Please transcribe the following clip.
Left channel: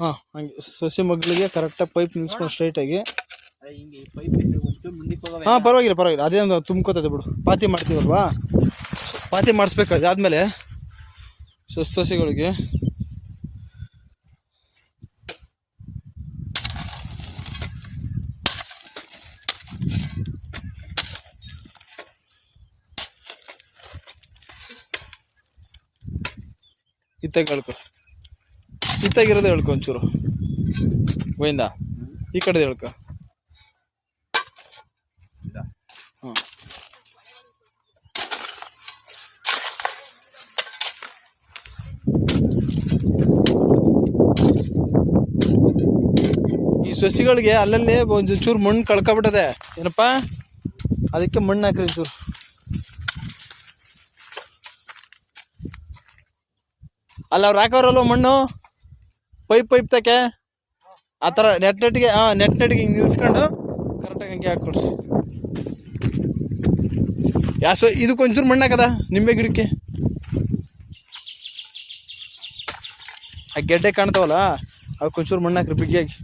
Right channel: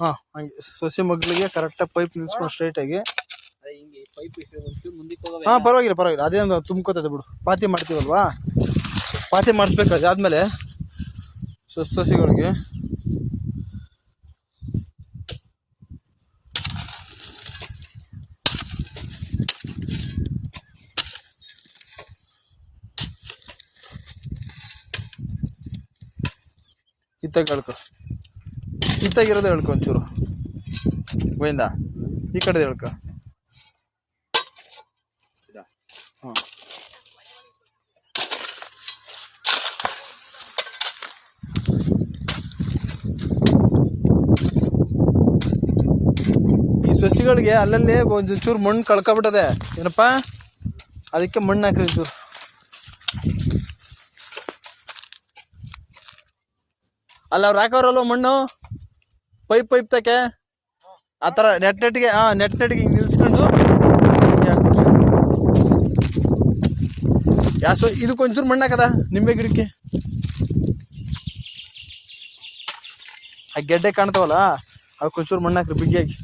ಹಾಂ ಹಂಗೆ ಸೊಸೆ ಮಗಳಿಗೆ ಕರೆಕ್ಟಾಗಿ ಪೈಪ್ ನಿಲ್ಸ್ಕೊಂಡು ಸ್ಟ್ರೈಟಾಗಿ. ಹಾಂ ಪರವಾಗಿಲ್ಲ ಅದೇನು ತುಂಬ್ಕೋತದೆ ಬಿಡು. ಪಾತಿ ಮಾಡ್ತೀವಲ್ವಾ, ಪಾತಿ ಮಾಡಿಸ್ಬೇಕು. ಅದಾದಮೇಲೆ ಸೊಸೆಗಳಿಗೆ ಇತ್ತಾಗಿರೋದು ಹೇಳ್ಕೊ ಒಂಚೂರು ಗೋವಿಂದ, ಈ ಕಡೆ ಹೇಳ್ಕೊ. ಹಾಂ ಈ ಸಸಿಗಳಿಗೆ ಅಲ್ಲಲ್ಲೇ ಒಂಚೂರು ಮಣ್ಣು ಕಳ್ಕೊಬಿಟ್ಟದೆ ಏನಪ್ಪ, ಅದಕ್ಕೆ ಮಣ್ಣು ಹಾಕ್ರಿ ಒಂಚೂರು. ಅಲ್ಲ ಅವ್ರು ಹಾಕೋರಲ್ವ ಮಣ್ಣು, ಪೈಪ್ ತಕ್ಕೆ ಆ ಥರ ನೆಟ್ಗೆ ಹಿಂಗೆ ನಿಲ್ಸ್ಕೊಂಡು ಹಿಂಗೆ ಹಾಕ್ಬಿಡ್ರಿ. ಇದಕ್ಕೊಂಚೂರು ಮಣ್ಣು ಹಾಕದ ನಿಂಬೆ ಗಿಡಕ್ಕೆ. ಆ ಗೆಡ್ಡೆ ಕಾಣ್ತಾವಲ್ಲ ಅವಕ್ಕೊಂಚೂರು ಮಣ್ಣು ಹಾಕ್ರಿ ಬಿಗಿಯಾಗಿ.